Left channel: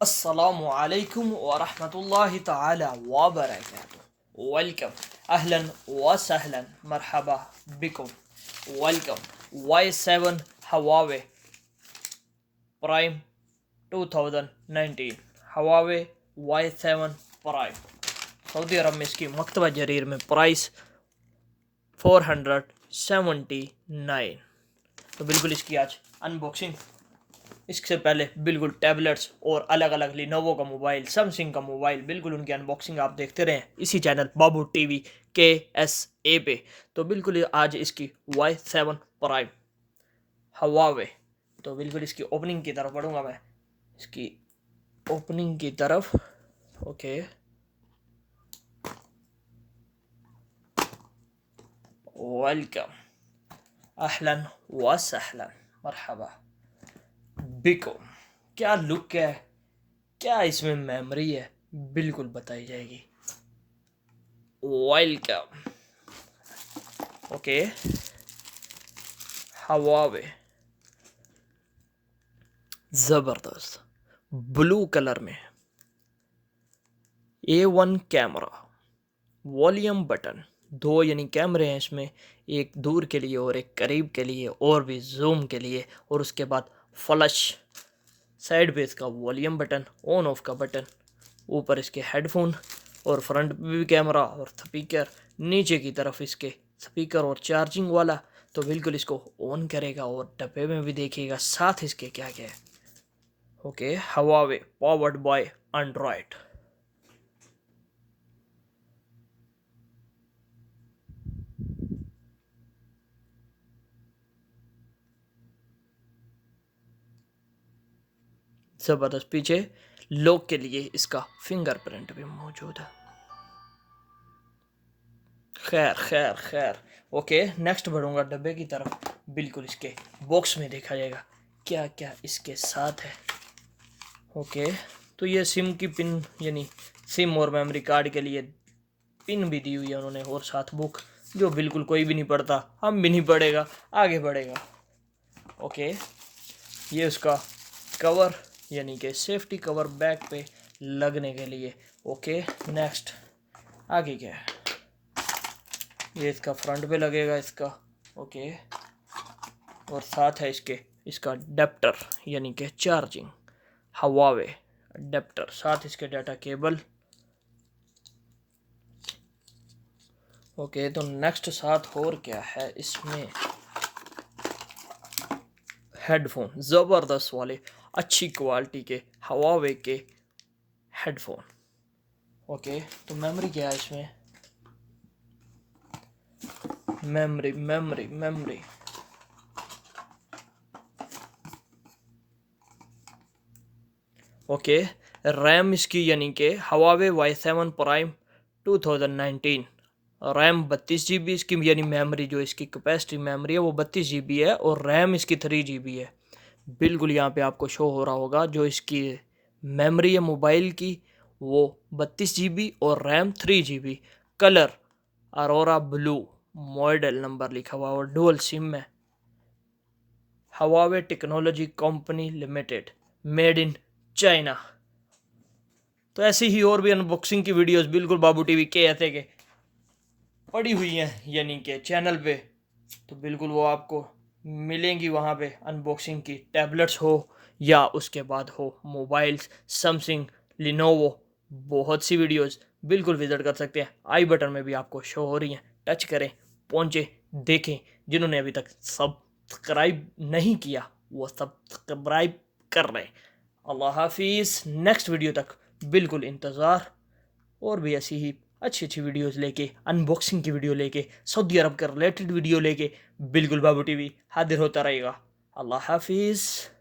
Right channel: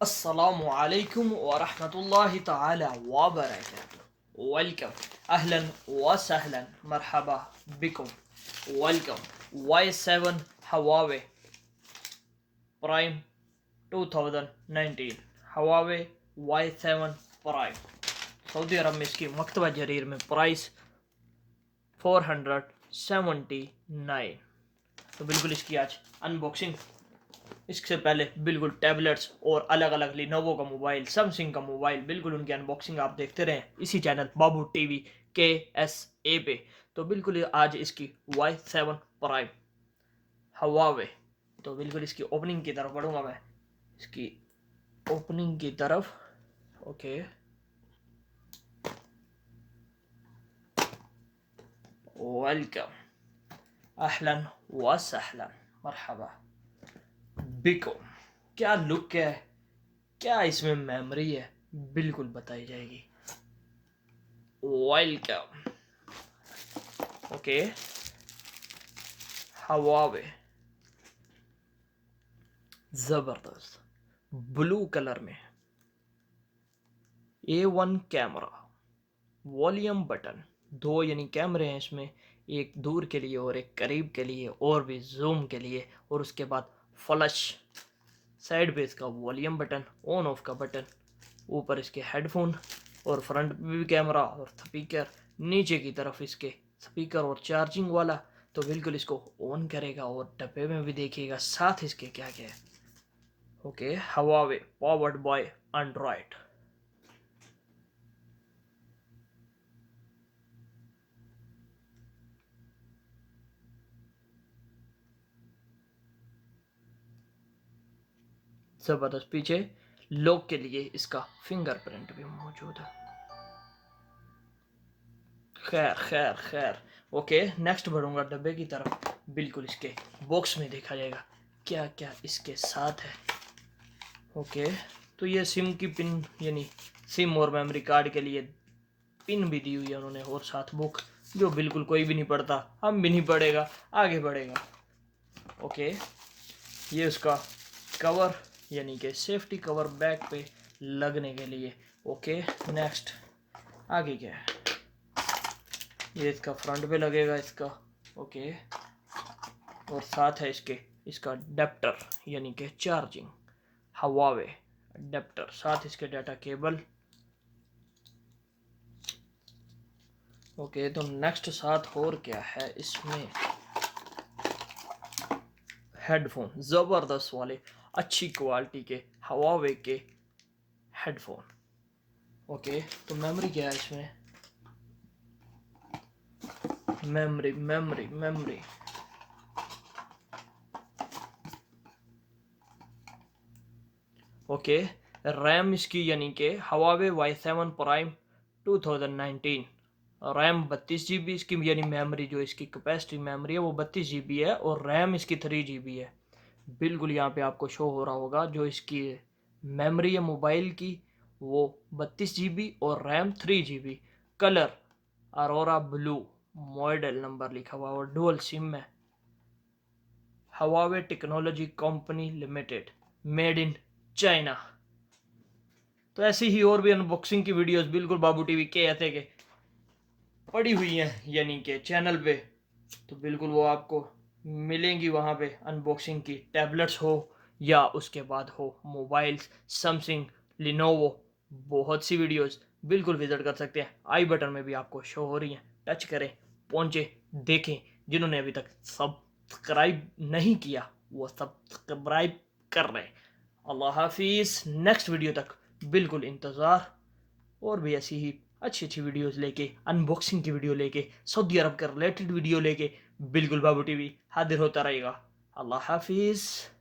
Assalamu alaikum wa rahmatullahi ta'ala wa barakatuh. Welcome. Ahlan wa sahlan. Marhaba bikum. Welcome. Y7 Huawei Prime 2019. Huawei Y7 Prime. Saudi अरब में इसकी मकतबा Jarir में price 479। तो बिल्कुल इसकी आज unboxing. इससे पहले बिल्कुल टैबलेट्स और अलग अलग लिनोवो का मोबाइल, सैमसंग का मोबाइल, बिल्कुल उनकी अनबॉक्सिंग आप देखते रहें इसी चैनल बाबू टीवी KSA पे। तो बिल्कुल आज इसकी Y7 प्राइम हवावे। तो बिल्कुल इसकी ओपनिंग की तरफ बढ़ूंगा मैं, इसकी ओपनिंग की तरफ। ओके, वेलकम, अहलन व सहलन, मरहबा बिको। क्या लुक है, क्या इसमें मेमोरी है, बिल्कुल बताई जाएगी। वेलकम। ओके, हवावे ज़बरदस्त ब्लू कलर में, A1 कैमरा, वॉल्यूम बटन, दो यानी कैमरे हैं इसमें, एक दूर के लिए और एक करीब के लिए और भी जूम के लिए। और उसके बाद फ्लश, साइड पे इसका वॉल्यूम बटन, ऑन ऑफ का बटन, ऊपर इसके हेडफोन और फ्रंट भी कैमरा और स्पीकर, नीचे की तरफ इसके स्पीकर और चार्जिंग वाला। तो बिल्कुल इसको ऑन करेगा और डब्बे में भी देखिएगा साथ इसके क्या क्या है। Okay, Huawei powered by Android. ज़बरदस्त, पीछे लॉक के लिए इसका फिंगरप्रिंट भी मौजूद है। खैर खैर खैर। ओके, नेक्स्ट बढ़ूंगा डब्बे की तरफ। बिल्कुल इसके बॉक्स में देखा जाएगा क्या क्या इसके साथ है। ओके, तो ये सिम की पिन यानी सिम और मेमोरी कार्ड के लिए पिन भी दी हुई है उन्होंने, और साथ बुक जो बिल्कुल कोई भी नहीं पढ़ता, हम भी नहीं पढ़ेगा, आगे बढ़ेगा। ओके, ये उसका कवर यानी कि सेफ्टी कवर बैक पे लगने के लिए। ओके, नेक्स्ट आगे क्या है, ये इसका फ्रंट पे लगेगा इसका। ओके, और साथ है इसके इसका अडेप्टर यानी कि चार्जिंग, हवावे अडेप्टर, साथ इसके डाटा केबल। ओके, तो नेक्स्ट साथ और क्या है इसमें, हेडफोन ज़बरदस्त वाले अच्छी क्वालिटी के हवावे के हेडफोन। ओके, तो मेमोरी क्या है इसमें, memory memory memory okay, RAM इसकी यानी कि Huawei Y7 prime 2019, RAM 32 GB इसकी यानी मेमोरी जो इसकी कैपेसिटी मेमोरी है वो 32 GB है, और रैम इसकी 3 GB है। बिल्कुल यहाँ पे आपको शो हो रहा होगा जो इसकी मेमोरी है मोबाइल की वो 32 GB और RAM 3 GB। Colour Arora blue, model number लिखा हुआ और डुअल सिम है। Huawei technology company limited, made in China. तो ऐसी ही और भी अनबॉक्सिंग की वीडियोस बिल्कुल बाबू टीवी के ऐसे के पड़ी हुई हैं यानी कि चैनल पे, तो बिल्कुल वो आपको मिलेंगी वहाँ पे। अनबॉक्सिंग की टैबलेट्स हो या उसके बाद हो मोबाइल्स, सैमसंग, लिनोवो, बहुत सी वीडियोस बिल्कुल विजिट कर सकते हैं। आई बटन में भी आपको शो हो रही हैं, टच करें, पहुँचे, देखें। जिन्होंने अभी तक सब्सक्राइब नहीं किया वो सब्सक्राइब कर रहे हैं। अल्लाह हाफिज़, नेक्स्ट वीडियो तक बिल्कुल इंतज़ार। और भी ऐसी ही अच्छी अच्छी वीडियोस लेके, अनबॉक्सिंग की वीडियो लेके, सऊदी अरब के रिलेटेड वीडियो लेके बिल्कुल बाबू टीवी हाजिर होता रहेगा। अल्लाह हाफिज़।